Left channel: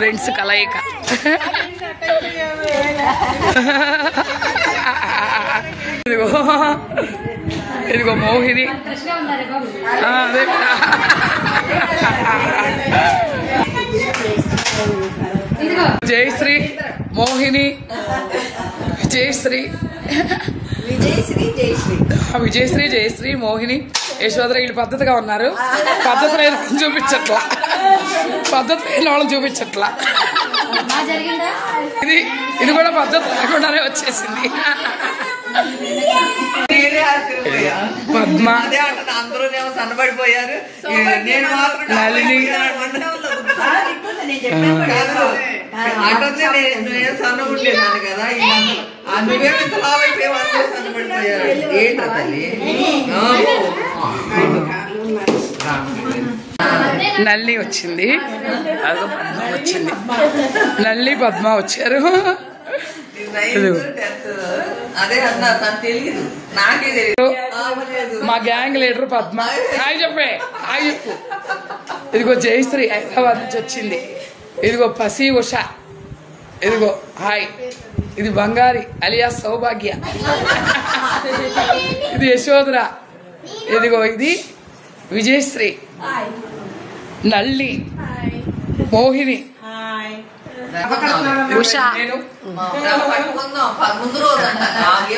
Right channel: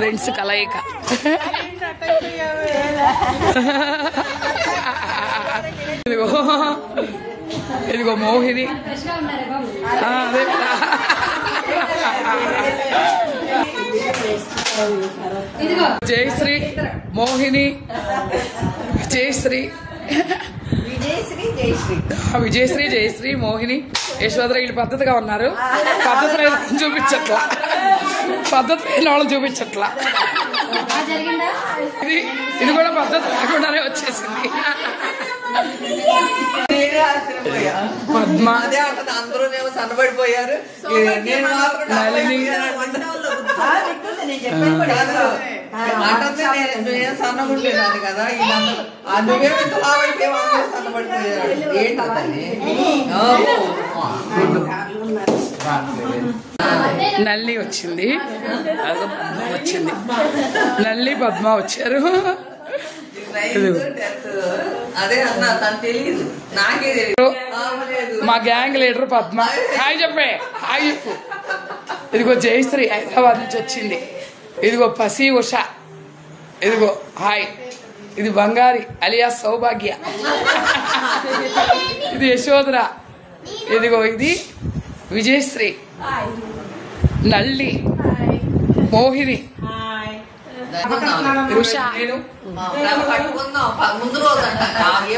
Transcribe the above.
Friends కలయిక. ఇదిగో మోహిని, జయశ్రీ, మోహిని, విజయశ్రీ, జయశ్రీ, మోహిని, యశోధర వీళ్ళు పద్ధతిగా ఉన్నారు. పద్ధతి లేని చూపించట్లా, పద్ధతి లేని వాళ్ళని చూపించట్లా. ఇది కూడా పద్ధతి లేకుండానే వచ్చేసింది. పద్మ, అందరూ సన్నబడిపోయారు, నేను మాత్రం నేను సన్నబడలేదాన్ని కదా, అందుకే ఇంత లాభైపోయి అందరూ సన్నబడిపోయారు. ఏంటో తల్లి. నల్లి వచ్చింది, అదో పద్మ వచ్చింది. నల్లి పద్మ వచ్చారు. అదే అన్నా, తను తెలియదు, నాకే తెలియదు. మా గ్యాంగ్ లీడర్ పద్మ. హాయ్ చెప్పే, హాయ్ చెప్పు. ఇదిగో జయశ్రీ హైదరాబాద్ నుంచి వచ్చింది. ఇదిగో పసి ఉష, ఇదిగో హాయ్. ఇది బంగారి అలియా సౌభాగ్య. ఇది యశోధర. ఇదిగో ఇది విజయశ్రీ, నల్లి, మోహిని, ఉష. పట్టుకుందాం ముందు రోజు అంట.